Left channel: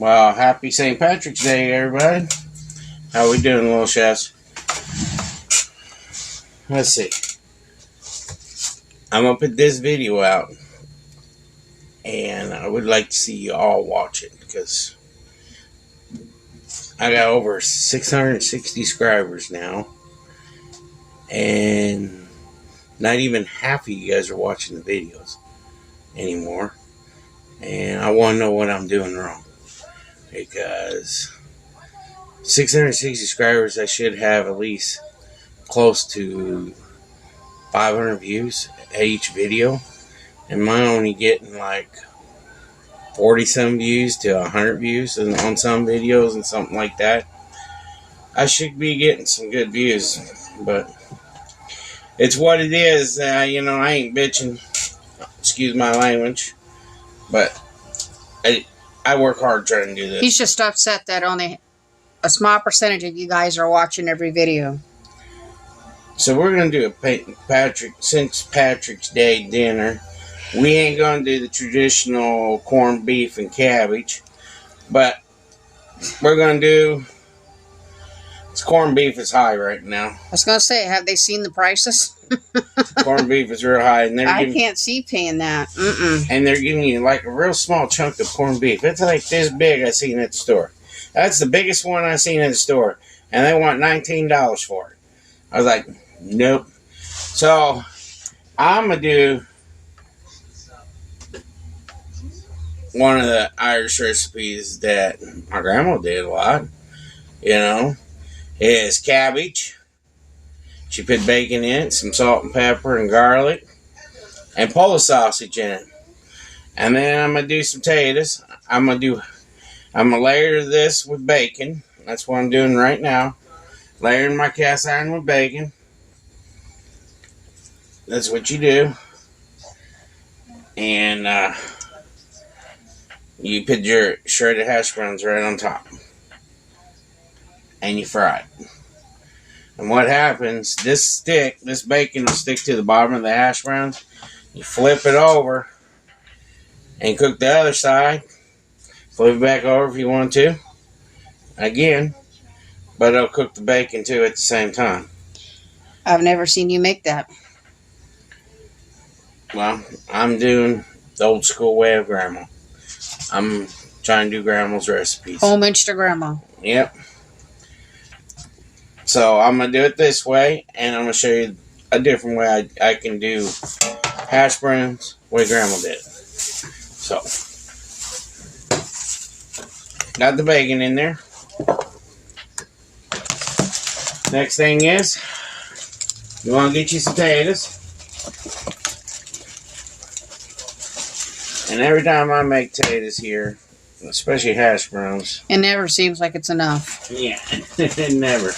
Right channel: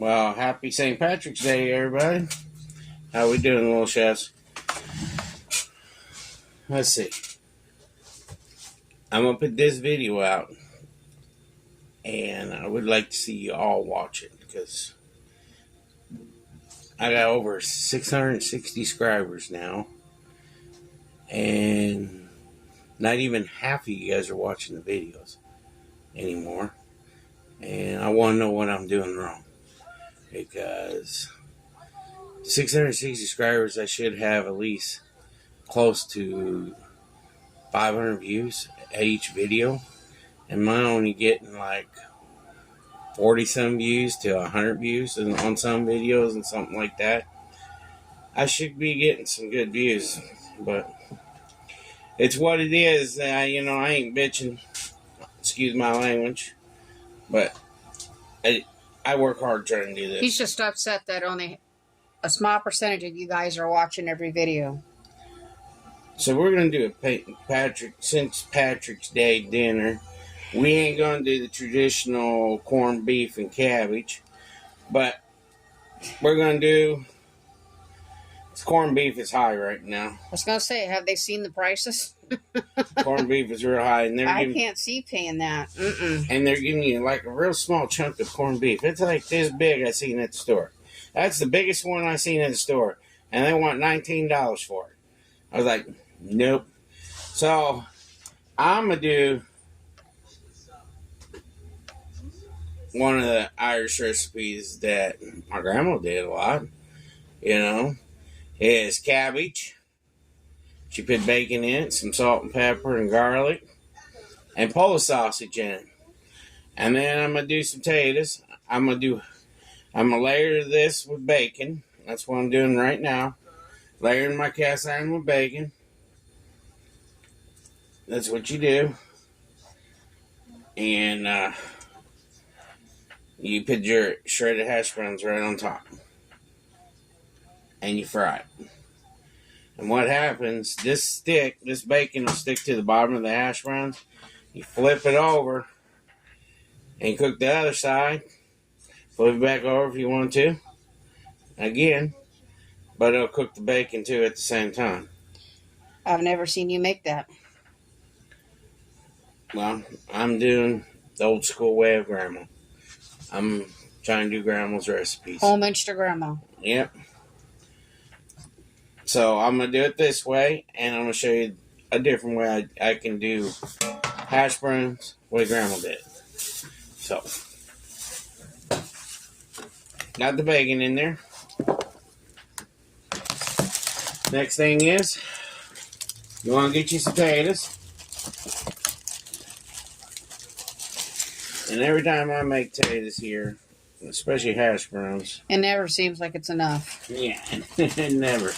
Well, happy St. Patrick's Day, everybody. How we doing, little chefs? Let's see. I'm going to put this video out. And I would like to see you all watch it. Because I got over 660 subscribers now. And not even half of you guys are watching the videos anymore. And I want to know what I'm doing wrong. Because 660 subscribers, I should have at least close to 500 views each video. And mine only getting like 40 some views to 100 views on some videos and something like that. I should be getting some good views, but it's what it is. You know, I ain't bitching. Excuse my language, but I work hard trying to do this. He's just upset that only a small percentage of you guys are watching every video. So we're going to do a St. Patrick's Day dinner. We ain't going to do the traditional corned beef and cabbage, but we're going to do... This corned beef is high right now. I was going to say, have they seen the prices? Corned beef is real high. And I can't see paying that. And they're giving you like a real small chunk of corned beef. It's like this big I seen at the store. That's the biggest one I seen at the store. And they want $19 for it. I was like, nope. So, I'm going to do one of the Irish recipes that my grandma did a lot. You know, is cabbage. She put bacon in it, some salt and pepper and garlic, and Polish sausage in it. And then I'm going to do some potatoes. I'm going to layer this with bacon. That's what I'm doing right now. Layering my cast iron with bacon. That's what you do. And you put your shredded hash browns right on top. And you fry it. And what happens, this bacon will stick to the bottom of the hash browns. You flip it over and cook the other side. Flip it back over if you want to. Again. But it'll cook the bacon too at the same time. I've never seen you make that. Well, I'm doing the old school way of grandma. I'm trying to do grandma's recipes. Homage to grandma. Yep. So I'm going to do it this way, and I'm going to show you a different way I can do hash browns the way grandma did it. So, got the bacon in there. Next thing is, you want to get you some potatoes. And every time I make potatoes here, especially hash browns, it never seems like it's enough. Yeah, it never.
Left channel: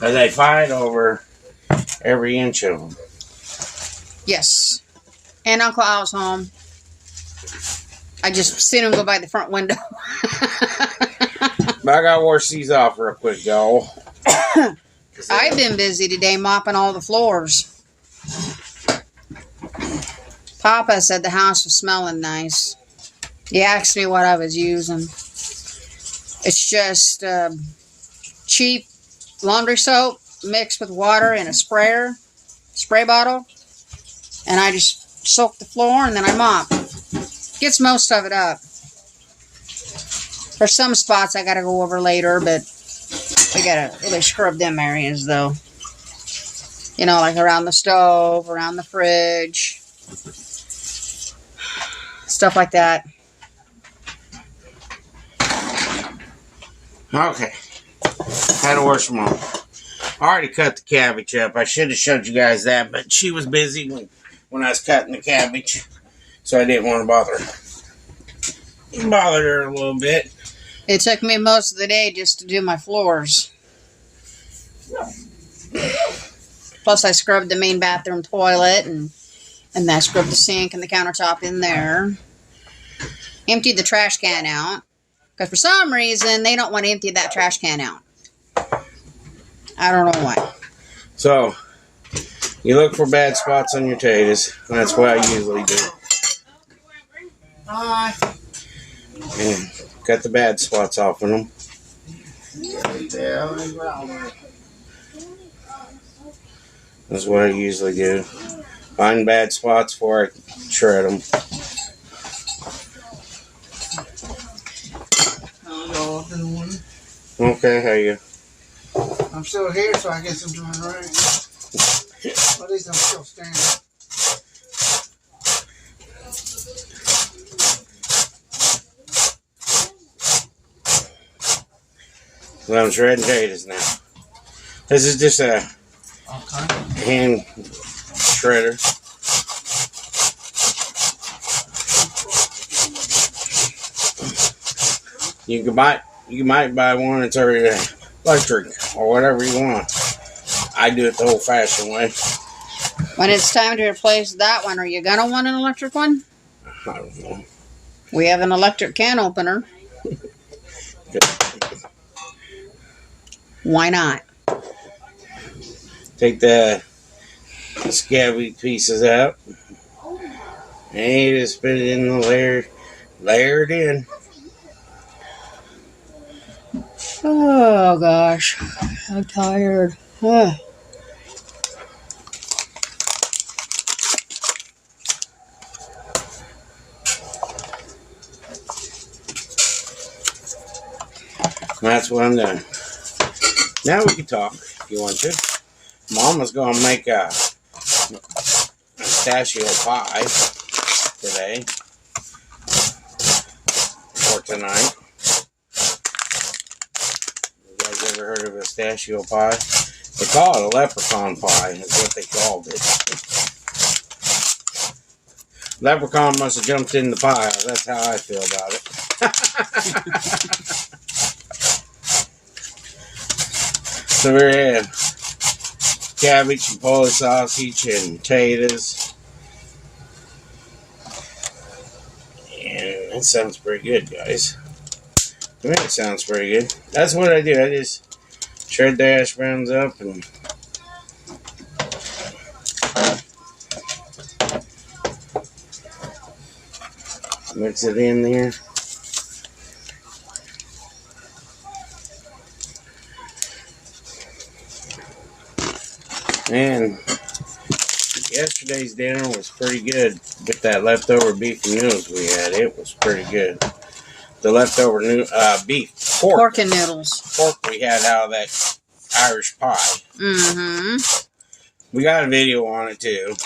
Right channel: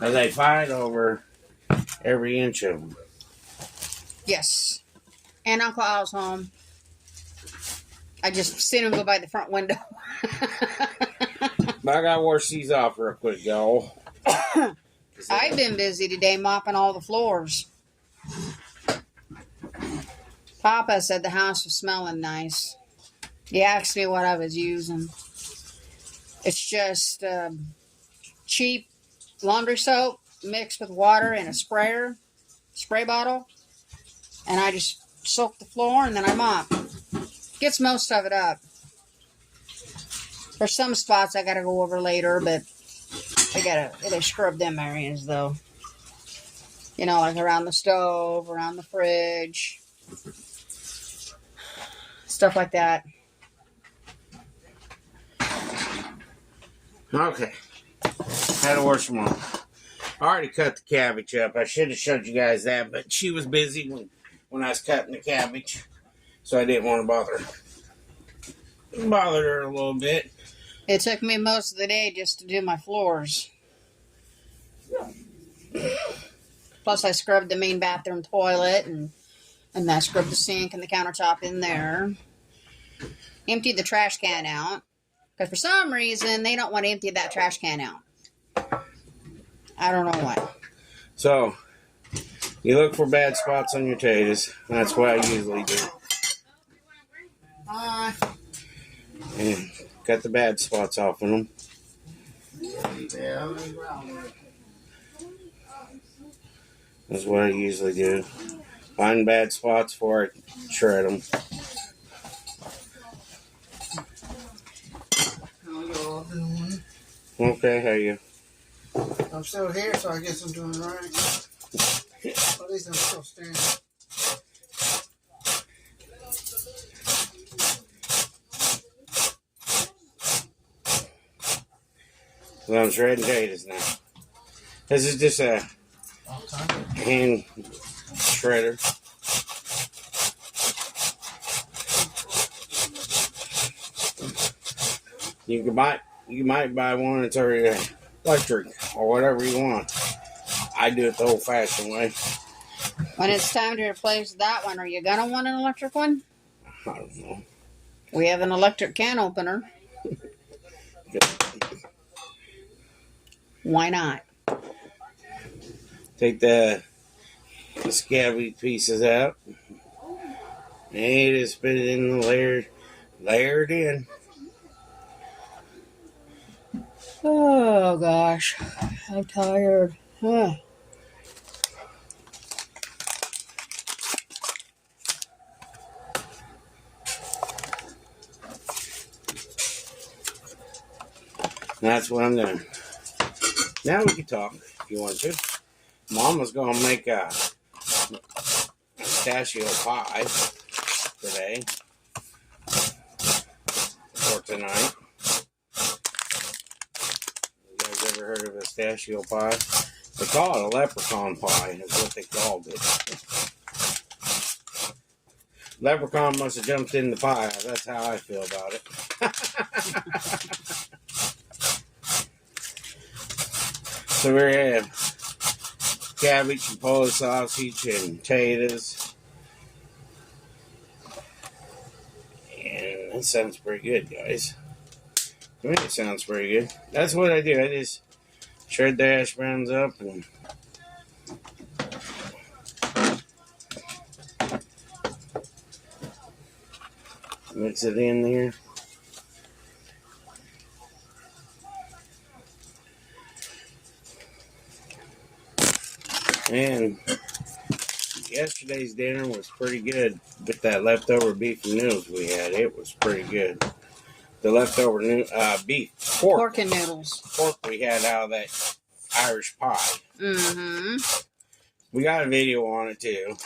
But they fight over every inch of them. Yes. And Uncle Al's home. I just seen him go by the front window. But I gotta wash these off real quick, y'all. I've been busy today mopping all the floors. Papa said the house was smelling nice. He asked me what I was using. It's just cheap laundry soap mixed with water in a spray bottle. And I just soak the floor and then I mop. Gets most of it up. There's some spots I gotta go over later, but I gotta really scrub them areas though. You know, like around the stove, around the fridge. Stuff like that. Okay. Had to wash them off. I already cut the cabbage up. I should have showed you guys that, but she was busy when I was cutting the cabbage. So I didn't want to bother her a little bit. It took me most of the day just to do my floors. Plus I scrubbed the main bathroom toilet and I scrubbed the sink and the countertop in there. Emptied the trash can out. Because for some reason, they don't want to empty that trash can out. I don't know why. So, you look for bad spots on your potatoes. That's what I usually do. And cut the bad spots off of them. That's what I usually do. Find bad spots before I shred them. I'll go up in the morning. Okay, how you? I'm still here, so I guess I'm doing right. At least I'm still standing. Well, I'm shredding potatoes now. This is just a hand shredder. You might buy one that's already electric or whatever you want. I do it the old-fashioned way. When it's time to replace that one, are you gonna want an electric one? I don't know. We have an electric can opener. Why not? Take the scabby pieces out and you just put it in the layer it in. Oh gosh, I'm tired. Ugh. That's what I'm doing. Now we can talk if you want to. Mama's gonna make a pistachio pie today or tonight. You guys ever heard of a pistachio pie? They call it a leprechaun pie, is what they called it. Leprechaun must have jumped in the pie. That's how I feel about it. So we have cabbage and Polish sausage and taters. And that sounds pretty good, guys. To me, it sounds pretty good. That's what I do. I just shred the hash browns up and mix it in there. And yesterday's dinner was pretty good with that leftover beef and noodles we had. It was pretty good. The leftover pork and noodles. Pork we had out of that Irish pie. Mm-hmm. We got a video on it too.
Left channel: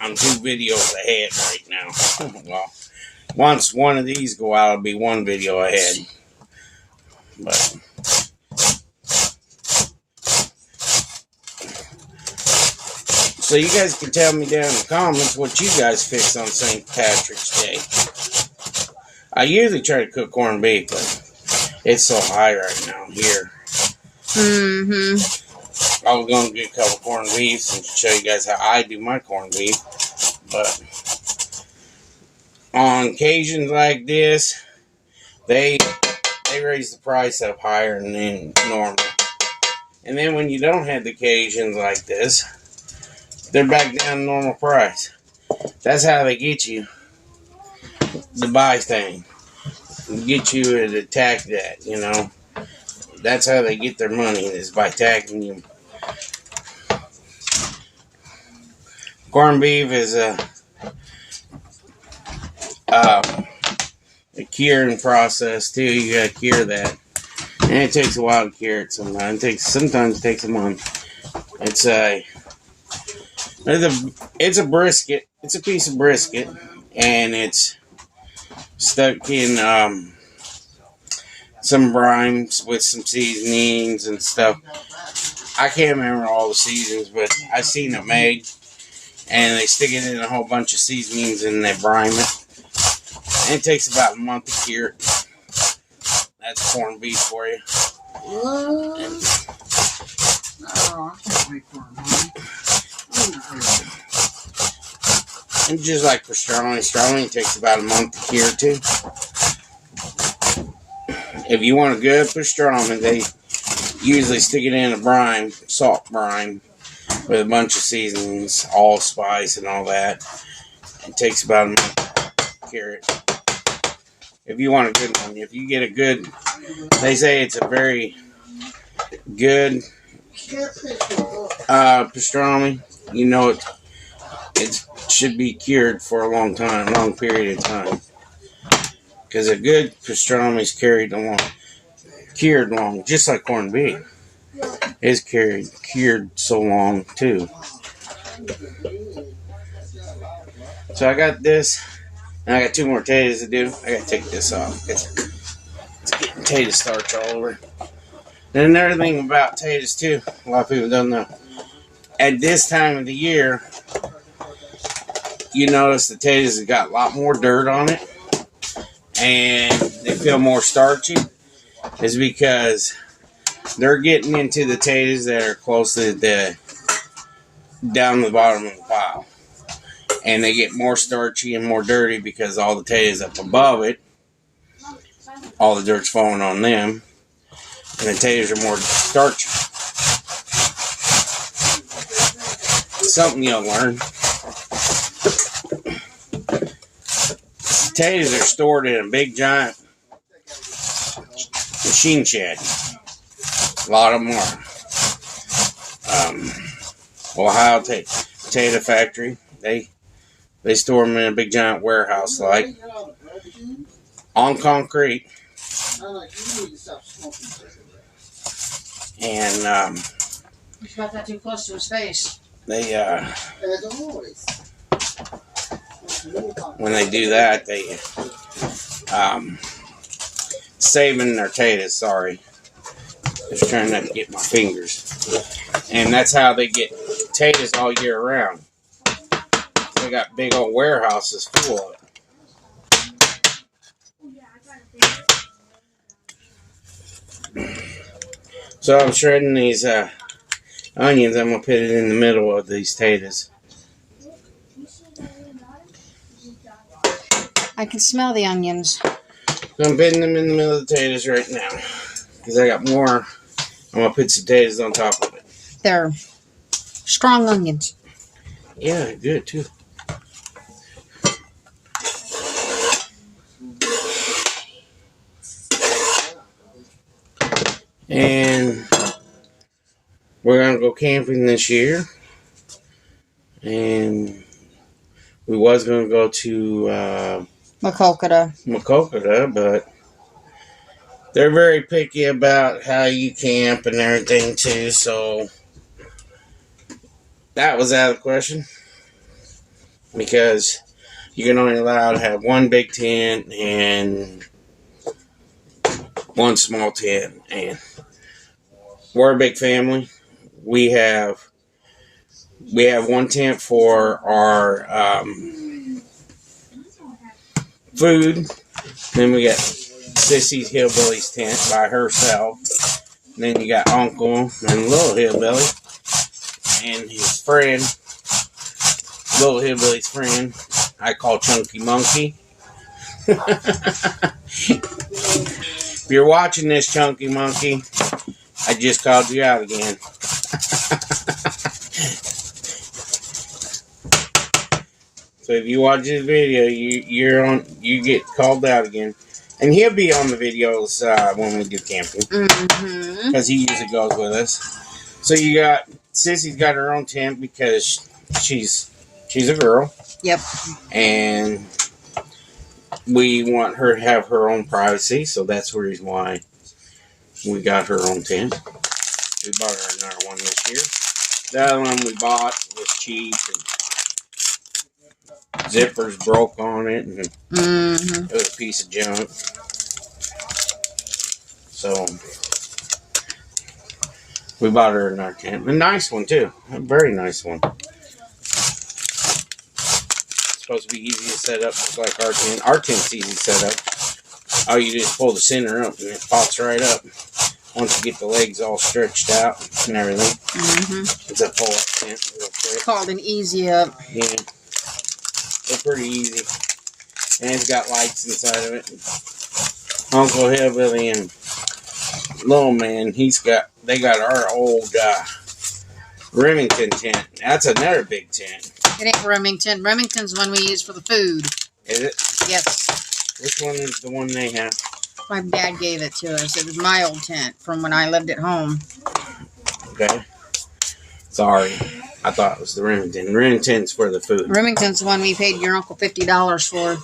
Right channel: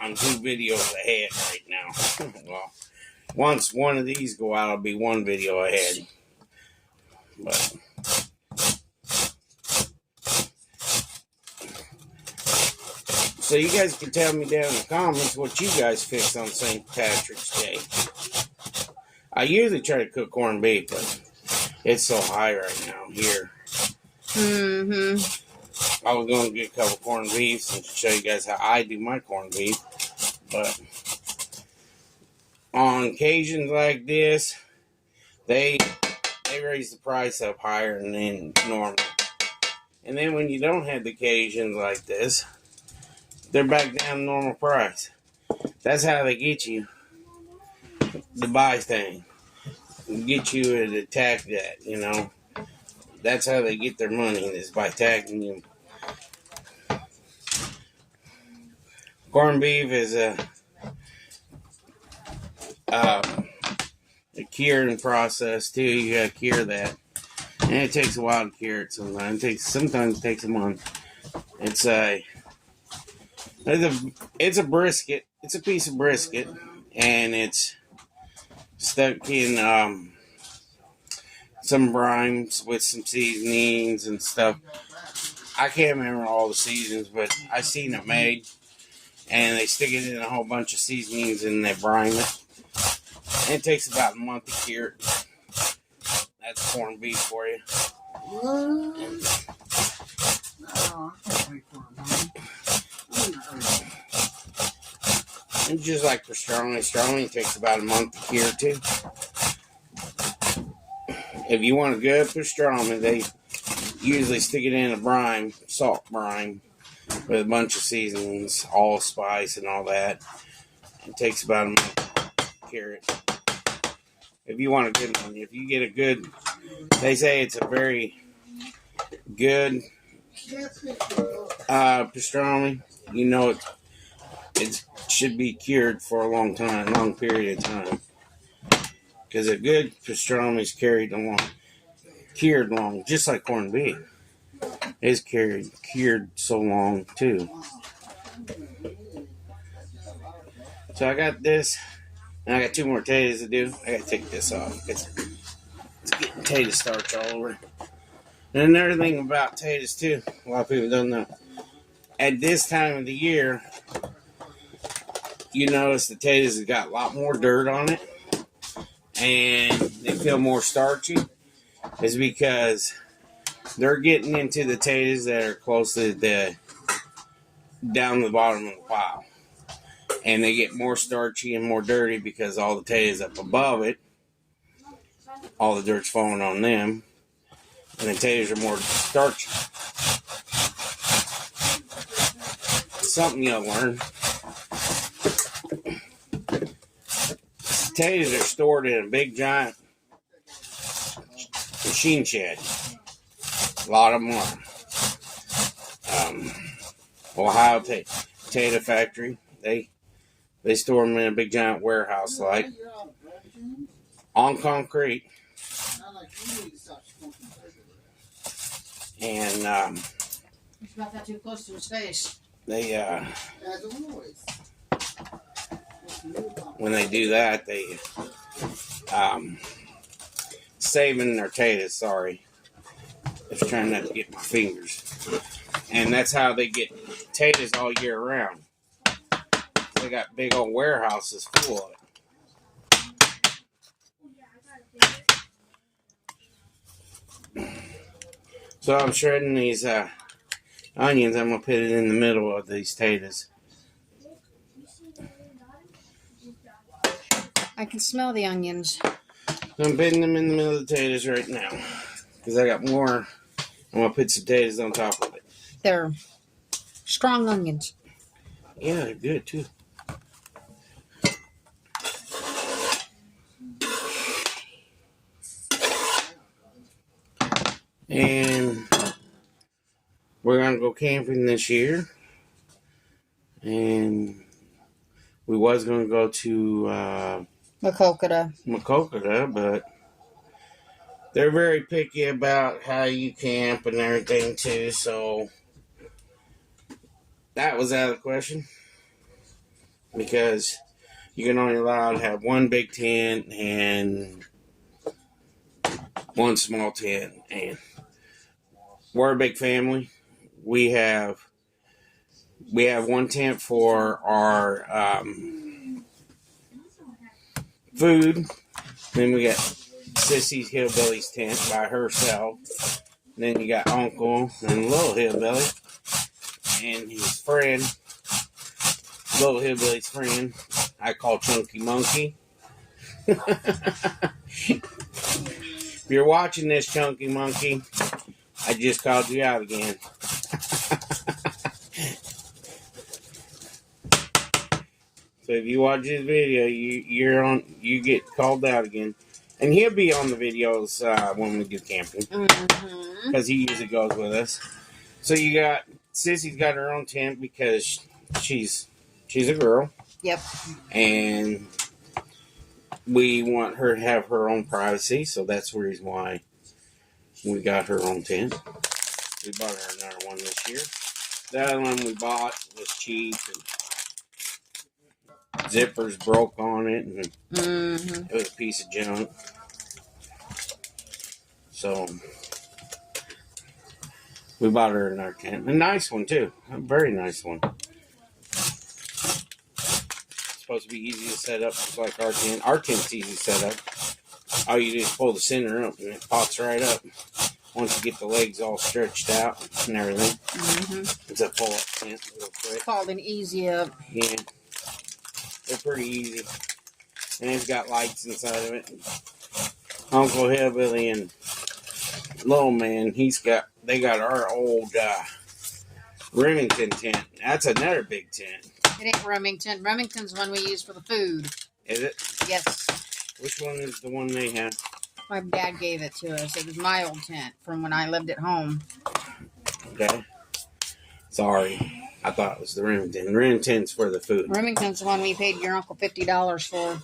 I'm 2 videos ahead right now. Well, once one of these go out, it'll be 1 video ahead. But so you guys can tell me down in the comments what you guys fix on St. Patrick's Day. I usually try to cook corned beef, but it's so high right now here. Mm-hmm. I was going to get a couple corned beefs and show you guys how I do my corned beef. But on occasions like this, they raise the price up higher than normal. And then when you don't have the occasions like this, they're back down to normal price. That's how they get you to buy things. Get you to attack that, you know. That's how they get their money, is by attacking you. Corned beef is a curing process too. You gotta cure that. And it takes a while to cure it sometimes. Sometimes it takes a month. It's a brisket. It's a piece of brisket, and it's stuck in some brine with some seasonings and stuff. I can't remember all the seasonings, but I seen it made, and they stick it in a whole bunch of seasonings and they brine it. And it takes about a month to cure it. That's corned beef for you. What? Oh, I can't wait for it, And just like for pastrami takes about a month to cure too. If you want a good pastrami, they usually stick it in a brine, salt brine, with a bunch of seasonings, allspice and all that. It takes about a month. carrot. If you want a good one, if you get a good, they say it's a very good pastrami. You know it should be cured for a long period of time. Because a good pastrami is cured long, just like corned beef. It's cured so long too. So I got this, and I got 2 more potatoes to do. I gotta take this off because it's getting potato starch all over. And another thing about potatoes too, a lot of people don't know. At this time of the year, you notice the potatoes have got a lot more dirt on it, and they feel more starchy. Is because they're getting into the potatoes that are close to down the bottom of the pile. And they get more starchy and more dirty because all the potatoes up above it, all the dirt's falling on them. And the potatoes are more starchy. Something you'll learn. Potatoes are stored in a big giant machine shed. A lot of them are. Ohio Potato Factory. They store them in a big giant warehouse, like on concrete. And He's got that too close to his face. they when they do that, they saving their potatoes. Sorry, just trying not to get my fingers. And that's how they get potatoes all year round. They got big old warehouses full of it. So I'm shredding these onions. I'm going to put it in the middle of these potatoes. I can smell the onions. So I'm putting them in the middle of the potatoes right now. Because I got more. I'm going to put some potatoes on top of it. They're strong onions. Yeah, good too. And we're going to go camping this year. And we was going to go to Macokota, but they're very picky about how you camp and everything too, so that was out of the question. Because you can only allow to have one big tent and one small tent. And we're a big family. We have one tent for our food. Then we got Sissy's Hillbilly's tent by herself. And then you got Uncle and Little Hillbilly and his friend, Little Hillbilly's friend, I call Chunky Monkey. If you're watching this, Chunky Monkey, I just called you out again. So if you watch this video, you get called out again. And he'll be on the videos when we do camping. Because he usually goes with us. So you got, Sissy's got her own tent because she's a girl. Yep. And we want her to have her own privacy. So that's the reason why we got her own tent. We bought her another one this year. The other one we bought was cheap. And zippers broke on it. And it was a piece of junk. So we bought her another tent. A nice one too. A very nice one. It's supposed to be easy to set up just like our tent. Our tent's easy to set up. All you do is pull the center up and it pops right up. Once you get the legs all stretched out and everything. It's a pull-up tent real quick. Called an easy up. Yeah. They're pretty easy. And it's got lights inside of it. Uncle Hillbilly and Little Man, they got our old Remington tent. That's another big tent. It ain't Remington. Remington's one we use for the food. Is it? Yes. Which one is the one they have? My dad gave it to us. It was my old tent from when I lived at home. Okay. Sorry. I thought it was the Remington. Remington's for the food. Remington's the one we paid your uncle $50 for.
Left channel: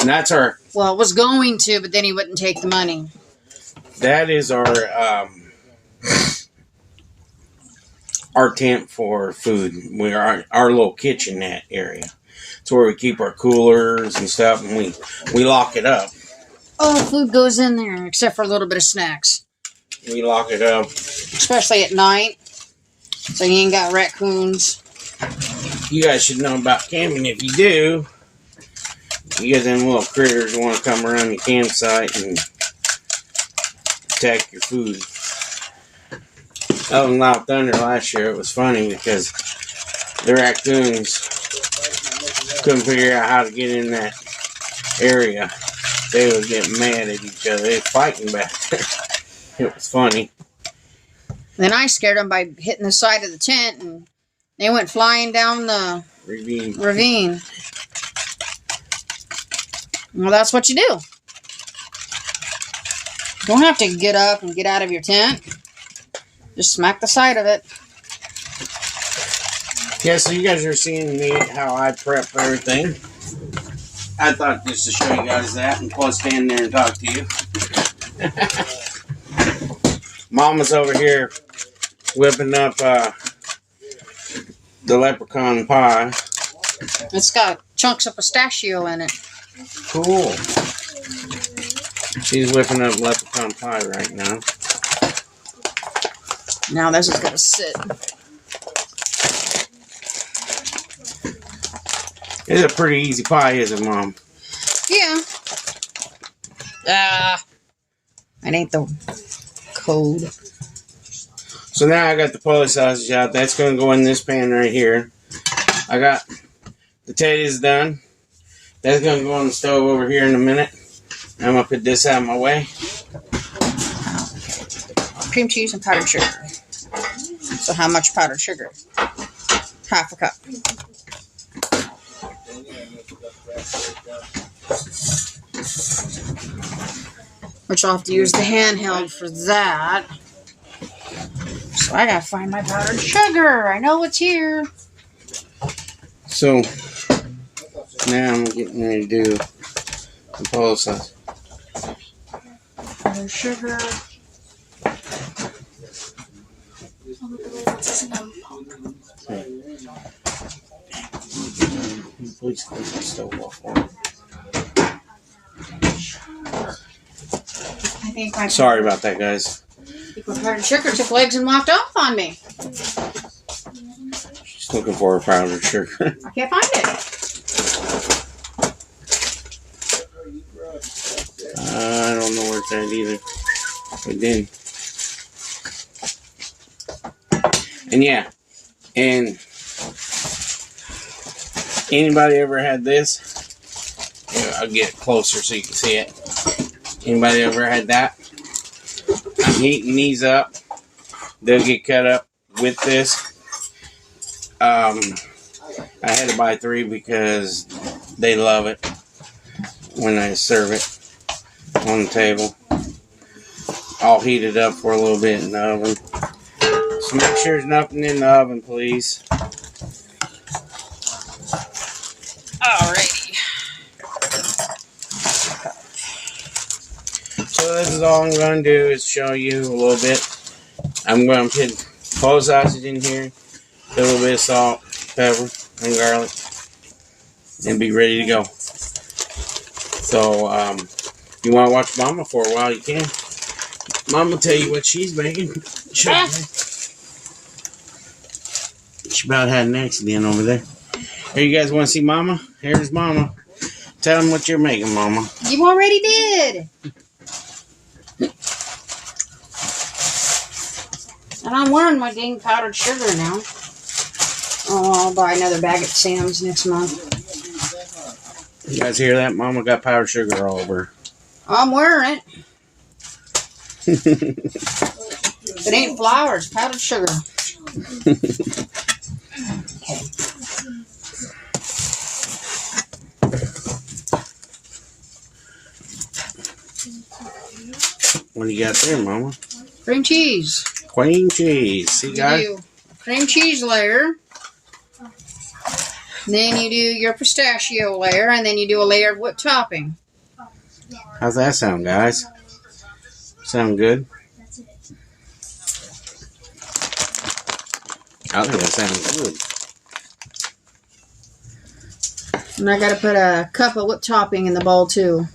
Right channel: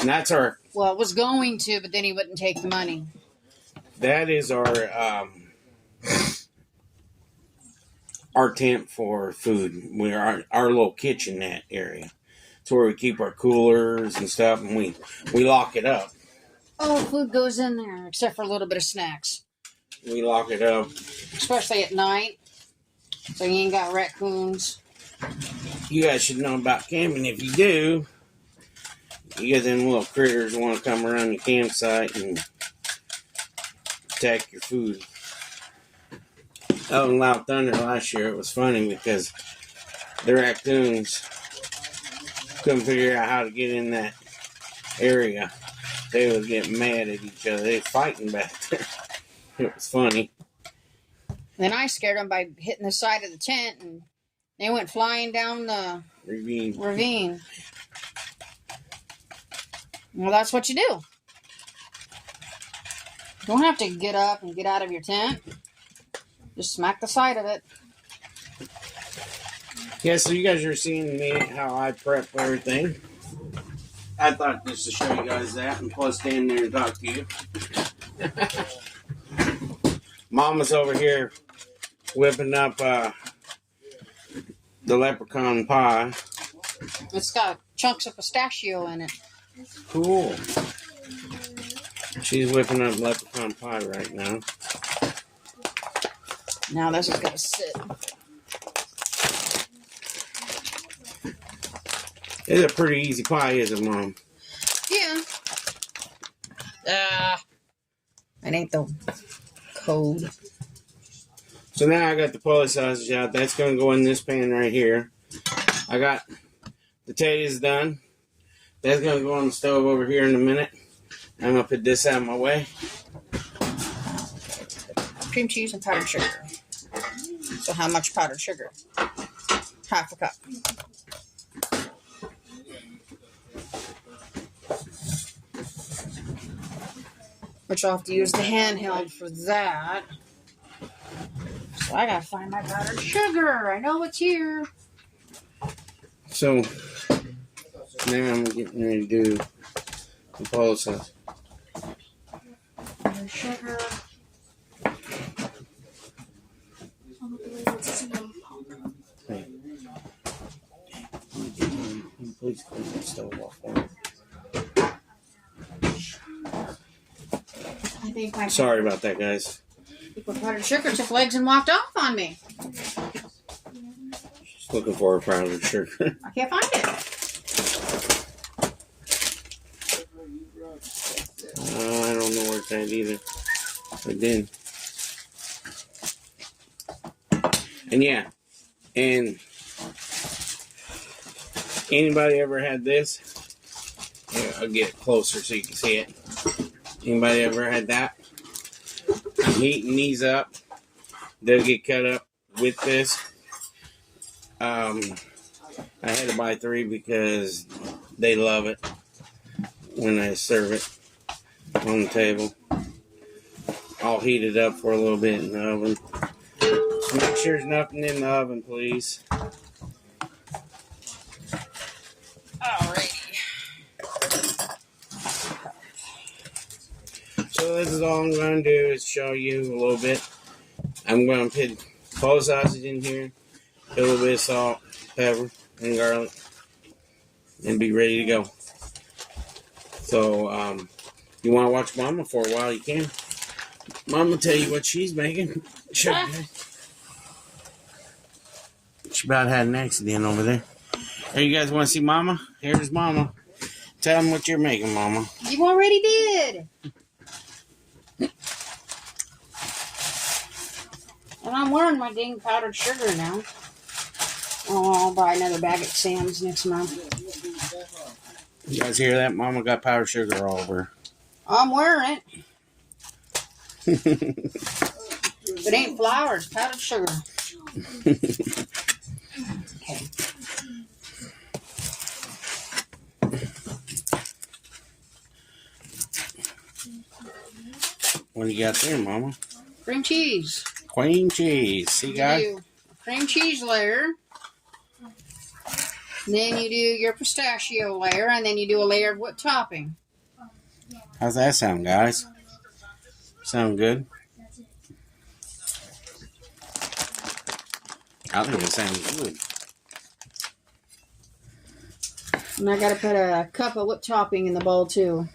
And that's Well, it was going to, but then he wouldn't take the money. that is our tent for food. We're our little kitchenette area. It's where we keep our coolers and stuff, and we lock it up. Oh, food goes in there, except for a little bit of snacks. We lock it up. Especially at night, so you ain't got raccoons. You guys should know about camping. If you do, you get them little critters who want to come around your campsite and attack your food. Up in Loud Thunder last year, it was funny because the raccoons couldn't figure out how to get in that area. They would get mad at each other. They were fighting back there. It was funny. Then I scared them by hitting the side of the tent, and they went flying down the ravine. Well, that's what you do. You don't have to get up and get out of your tent. Just smack the side of it. Yeah, so you guys are seeing me how I prep everything. I thought just to show you guys that and plus stand there and talk to you. Mama's over here whipping up the leprechaun pie. It's got chunks of pistachio in it. Cool. She's whipping up leprechaun pie right now. Now this is going to sit. It's a pretty easy pie, isn't it, Mom? Yeah. It ain't the code. So now I got the Polish sausage out. That's going to go in this pan right here. I got the taters done. That's going to go on the stove over here in a minute. I'm going to put this out of my way. Cream cheese and powdered sugar. So how much powdered sugar? Half a cup. Which I'll have to use the handheld for that. So I gotta find my powdered sugar. I know it's here. So now I'm getting ready to do the Polish sausage. Powdered sugar. Please keep the stove off. I think my Sorry about that, guys. powdered sugar took legs and walked off on me. She's looking for her powdered sugar. I can't find it. I don't know where it's at either. It didn't. And yeah, and anybody ever had this? Yeah, I'll get it closer so you can see it. Anybody ever had that? I'm heating these up. They'll get cut up with this. I had to buy 3 because they love it when I serve it on the table. I'll heat it up for a little bit in the oven. So make sure there's nothing in the oven, please. Alrighty. So this is all I'm going to do is show you a little bit. I'm going to put Polish sausage in here, put a little bit of salt, pepper, and garlic, and be ready to go. So, if you want to watch Mama for a while, you can. Mama will tell you what she's making. She about had an accident over there. Hey, you guys want to see Mama? Here's Mama. Tell them what you're making, Mama. You already did. And I'm wearing my dang powdered sugar now. Oh, I'll buy another bag at Sam's next month. You guys hear that? Mama got powdered sugar all over. I'm wearing it. It ain't flour, it's powdered sugar. Okay. you got there, Mama? Cream cheese. Cream cheese. See, You guys? do cream cheese layer. Then you do your pistachio layer, and then you do a layer of whipped topping. How's that sound, guys? Sound good? I think that sounds good. And I gotta put a cup of whipped topping in the bowl too.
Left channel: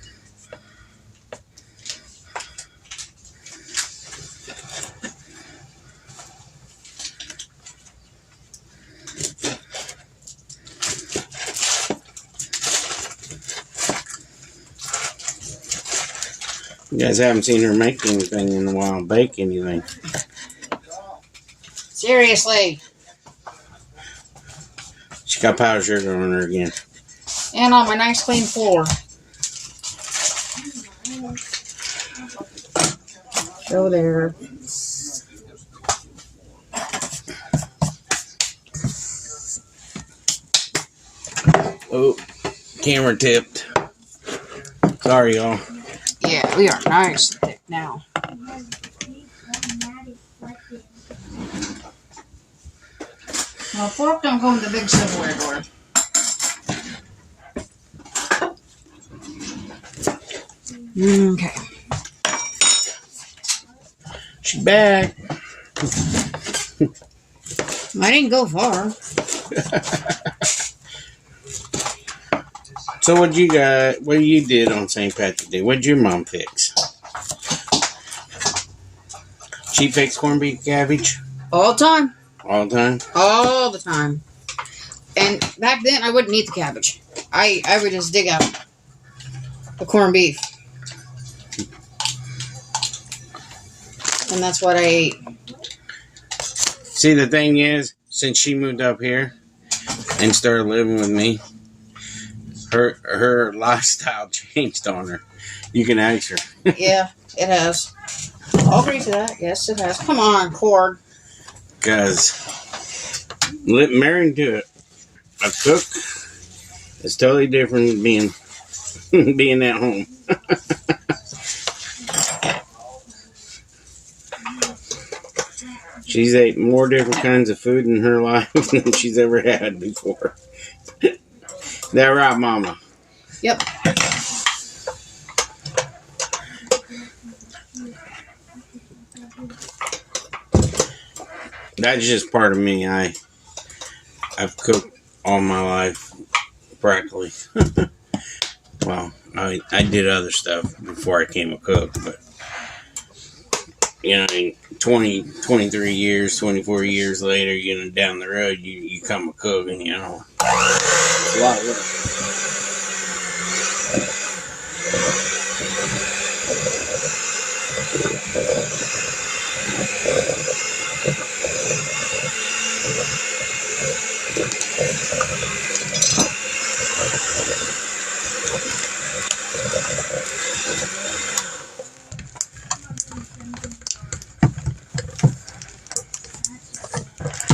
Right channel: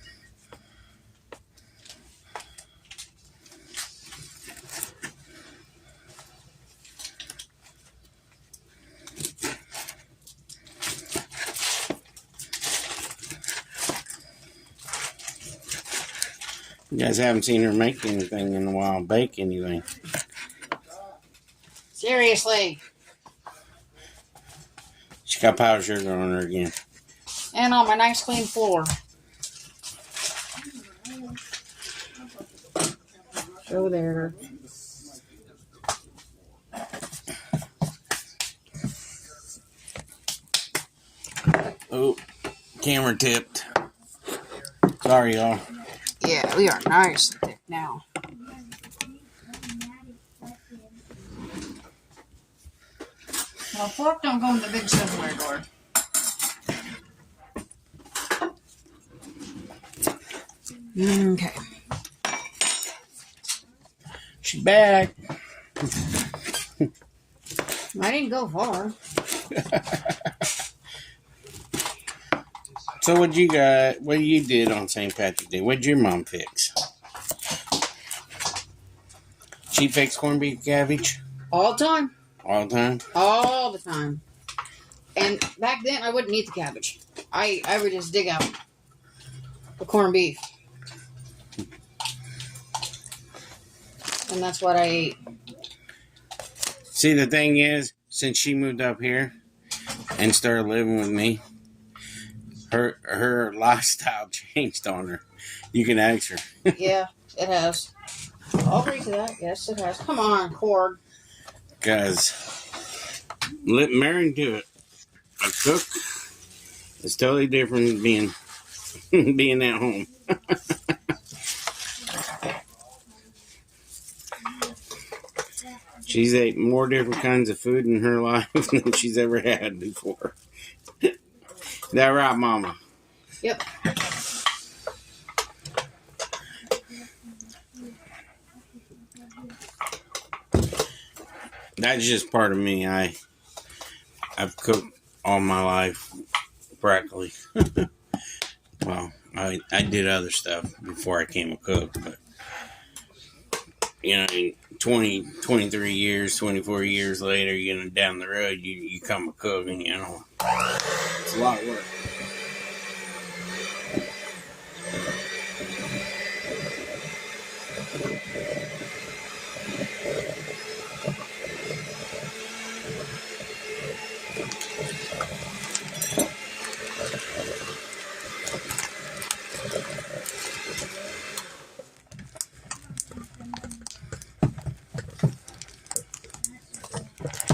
You guys haven't seen her make anything in a while, bake anything. Seriously. She got powdered sugar on her again. And on my nice clean floor. Go there. Oh, camera tipped. Sorry, y'all. Yeah, we are nice and thick now. Now, fork don't go in the big silverware drawer. Okay. She's back. I didn't go far. So what you got? What you did on St. Patrick's Day? What did your mom fix? She fixed corned beef cabbage All the time. all the time. All the time. And back then, I wouldn't eat the cabbage. I would just dig out the corned beef. And that's what I ate. See, the thing is, since she moved up here and started living with me, her lifestyle changed on her. You can ask her. Yeah, it has. I'll agree to that. Yes, it has. Come on, Cord. Because marrying to a cook is totally different than being at home. She's ate more different kinds of food in her life than she's ever had before. That right, Mama? Yep. That's just part of me. I've cooked all my life, practically. Well, I did other stuff before I became a cook, but you know, 23 years, 24 years later, you know, down the road, you become a cook, and you know, it's a lot of work.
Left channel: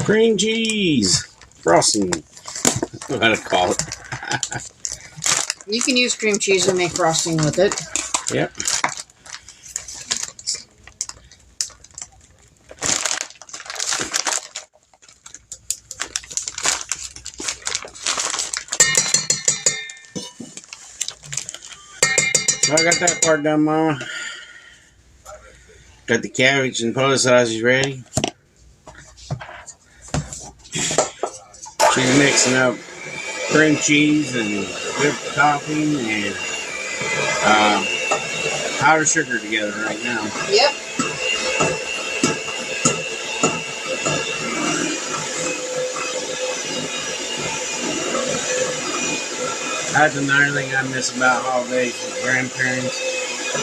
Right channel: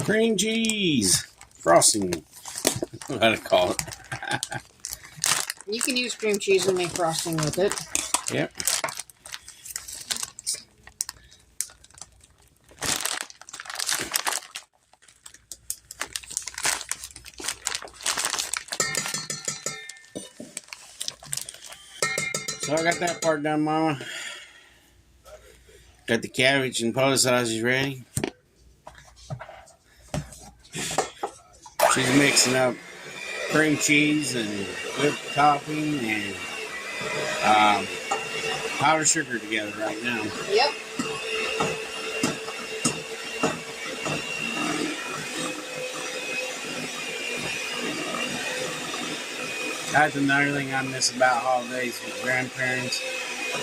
Cream cheese frosting, what I call it. You can use cream cheese and make frosting with it. Yep. So I got that part done, Mama. Got the cabbage and Polish sausage ready. She's mixing up cream cheese and whipped topping and powdered sugar together right now. Yep. That's another thing I miss about holidays with grandparents.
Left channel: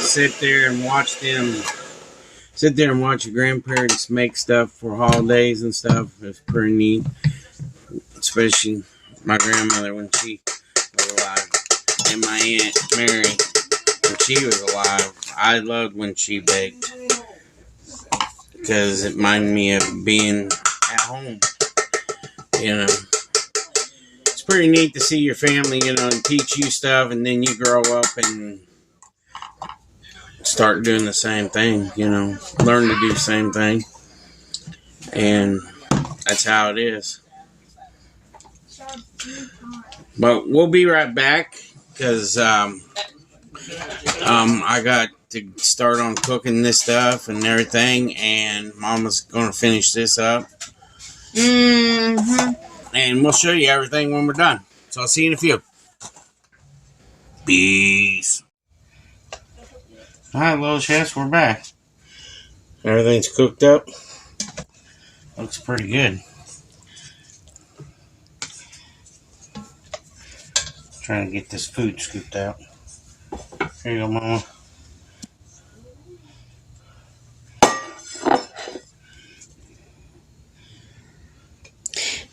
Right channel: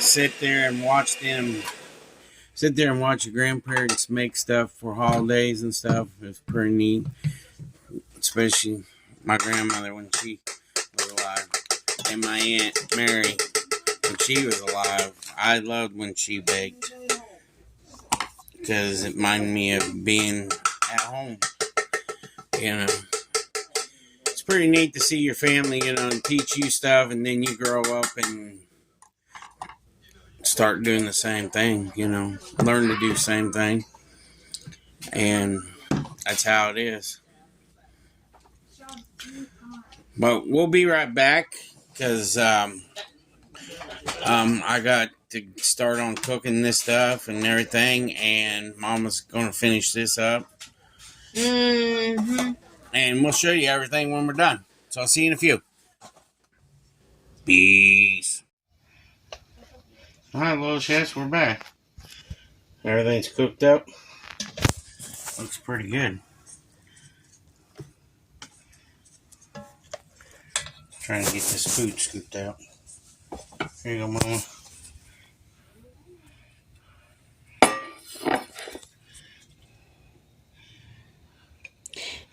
Sit there and watch your grandparents make stuff for holidays and stuff. It's pretty neat. Especially my grandmother when she was alive. And my Aunt Mary when she was alive. I loved when she baked. Because it reminded me of being at home. You know. It's pretty neat to see your family, you know, and teach you stuff, and then you grow up and start doing the same thing, you know, learn to do the same thing. And that's how it is. But we'll be right back because I got to start on cooking this stuff and everything, and Mama's going to finish this up. Mm-hmm. And we'll show you everything when we're done. So I'll see you in a few. Peace. Alright, little chefs, we're back. Everything's cooked up. Looks pretty good. Trying to get this food scooped out. Here you go, Mama.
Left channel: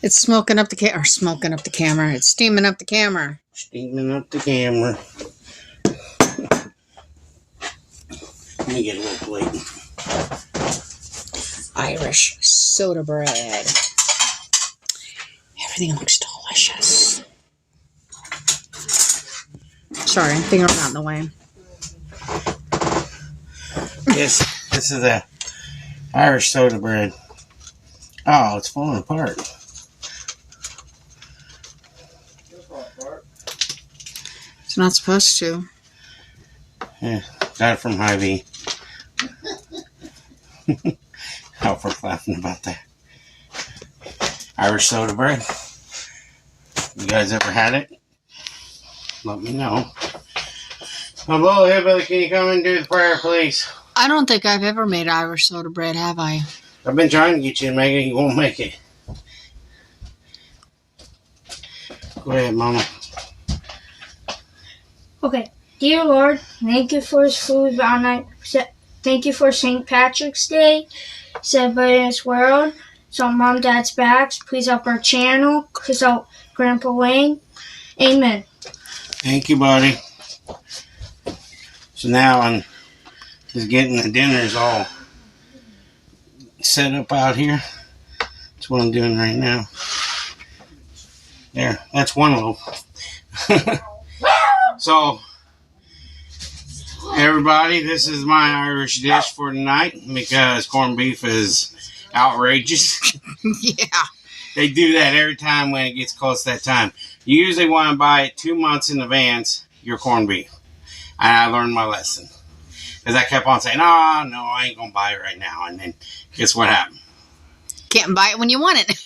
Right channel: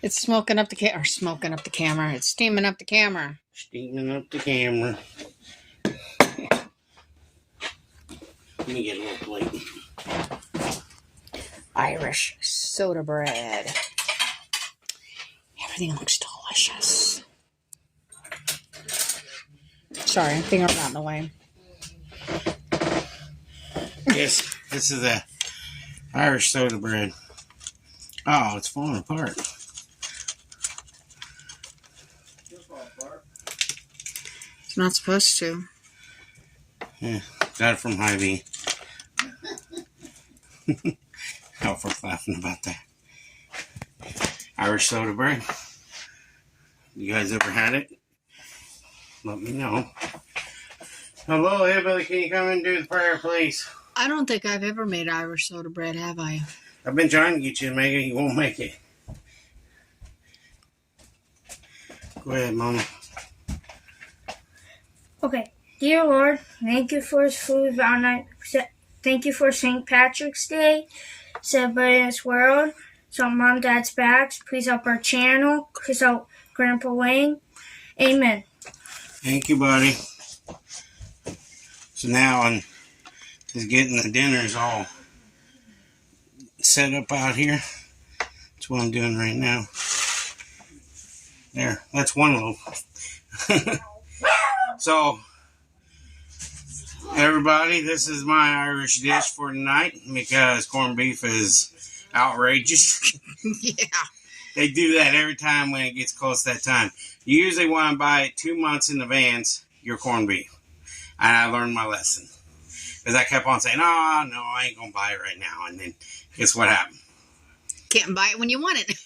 It's smoking up the camera. It's steaming up the camera. Steaming up the camera. Let me get a little plate. Irish soda bread. Everything looks delicious. Sorry, I think I'm not in the way. Yes, this is the Irish soda bread. Oh, it's falling apart. It's not supposed to. Yeah, got it from Hy-Vee. Alfred's laughing about that. Irish soda bread. You guys ever had it? Let me know. Hello, Hillbilly, can you come and do the prayer, please? I don't think I've ever made Irish soda bread, have I? I've been trying to get you to make it. You won't make it. Go ahead, Mama. Okay. Dear Lord, thank you for this food on night. Thank you for St. Patrick's Day. Celebrate in this world. So Mom, Dad's backs. Please help our channel. Please help Grandpa Wayne. Amen. Thank you, buddy. So now I'm just getting the dinners all set up out here. That's what I'm doing right now. There, that's one loaf. So, everybody, this is my Irish dish for tonight because corned beef is outrageous. Yeah. They do that every time when it gets close to that time. You usually want to buy it 2 months in advance, your corned beef. And I learned my lesson. Because I kept on saying, no, I ain't going to buy it right now. And then guess what happened? Can't buy it when you want it.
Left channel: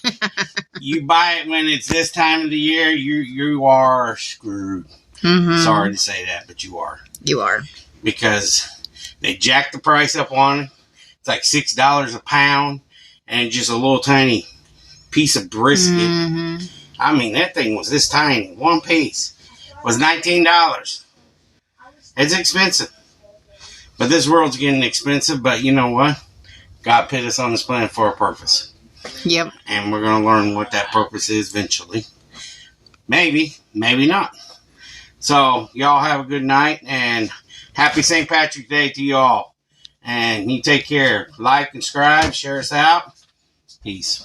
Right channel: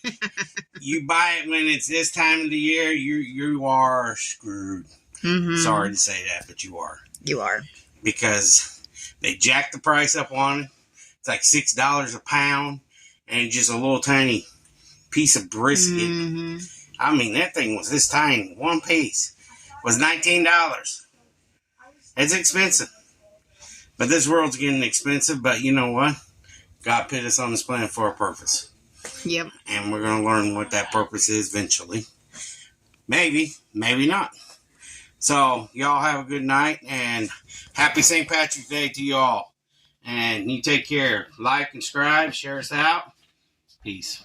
You buy it when it's this time of the year, you are screwed. Mm-hmm. Sorry to say that, but you are. You are. Because they jacked the price up on it. It's like $6 a pound. And just a little tiny piece of brisket. Mm-hmm. I mean, that thing was this tiny. One piece was $19. It's expensive. But this world's getting expensive. But you know what? God put us on this planet for a purpose. Yep. And we're going to learn what that purpose is eventually. Maybe. Maybe not. So, y'all have a good night. And happy St. Patrick's Day to y'all. And you take care. Like and subscribe. Share us out. Peace.